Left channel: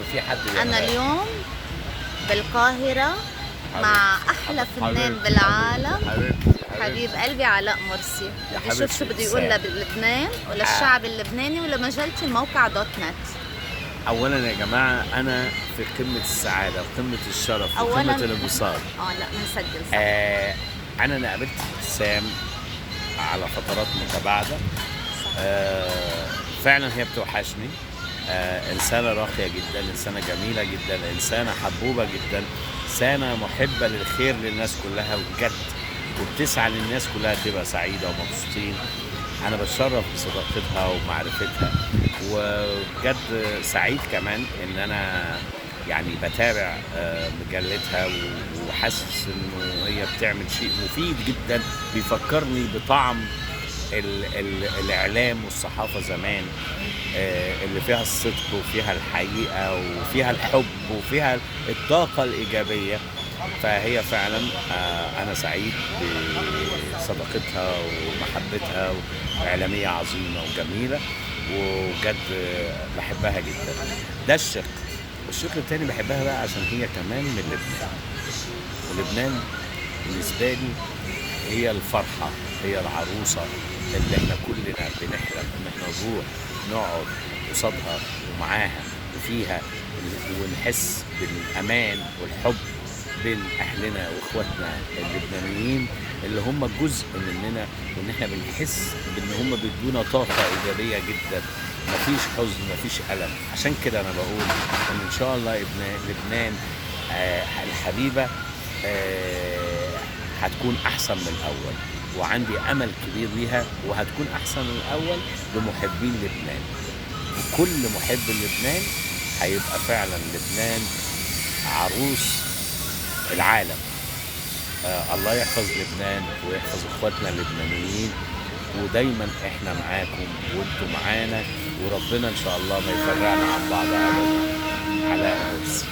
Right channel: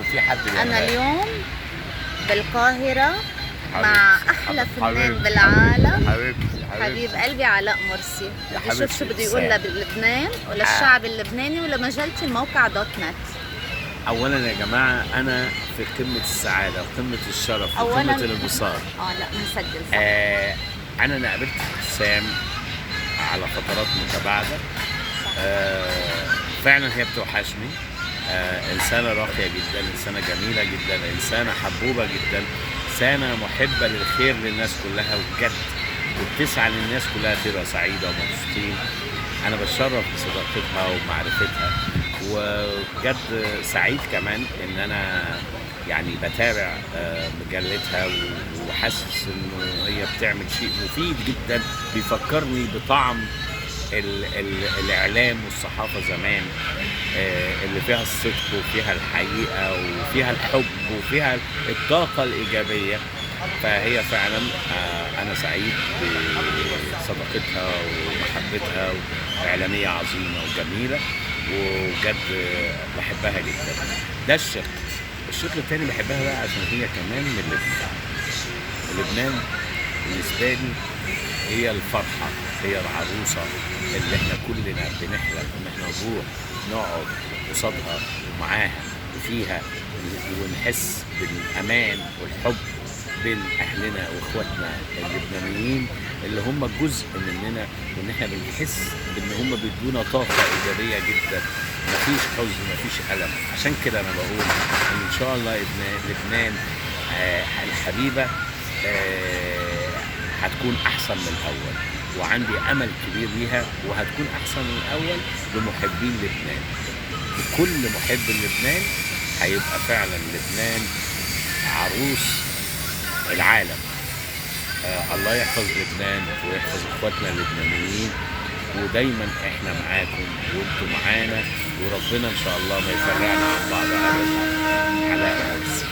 وفي حد أنا بيعملها. اليوم بالقاهرة مع أحلى فنان حبيبتي بالعالم، حبيبتي حبيب حبيبتي قلبي علاء مرسي. يا بدي أشوف شو حبيبتي بده يقول إنسان. لبنان آه. وللشعب اللبناني ولمجلتي الموقع دوت نت. اولا يا جماعه انا في قمه السعاده وقمه الشرف أولاً وقمه الانبساط. لا بنسجل صح. انا قابلت ابتسام على فترات متباعده. صح. فعلا هي بتوحشني. انسانه راقيه جدا، انسانه جميله جدا، انسانه حبوبه جدا، انسانه محبه للخير للناس كلها وبجد، وبتسعى للناس كلها تبقى سعيده ومبسوطين. انا بتشرف بصداقتها ومعرفتها، وبجد سعيد كمان ان انا يعني بتابع مجلتها، وحاسس انه هي بتعمل شيء مفيد جدا بيفكرني بطعم الاعلام والصحافه زمان، اللي فيها الصدق وفيها الحقيقه وفيها الحب وفيها الطاقه الايجابيه. فهي فعلا انا سعيد بصداقتها ومحبتها، واعلاميه عظيمه وجميله، وبجد بحبها جدا. ده الشق التاني بحبها بقى عشان هي كمان من لبنان. ولبنان بالنسبه لي هي الفرحه، هي العروسه اللي احنا كلنا بنحلم ان احنا نروح نقعد قصادها ومعاها وفيها، ونحس بالامان والحب بين اهلنا واخواتنا اللبنانيين اللي هم جزء مننا، وان احنا بنحس بان هم بيدونا طاقه ايجابيه جدا، مفيش حزن مفيش الم. عشان كده انا بقول ان شاء الله لبنان الحبيبه هتكون احسن من الاول، وعندي امل كبير ليها، وهتكون احسن من الاول بمحبين لبنان. وكل محب لبنان هيبقى فعلا لبنان عروس العالم. الله يحفظ لبنان ويحفظ اخواتنا اللبنانيين، ودايما احنا معاكم وانتم معانا، وربنا ان شاء الله ما يفرقنا عن بعض ابدا. علاء مرسي.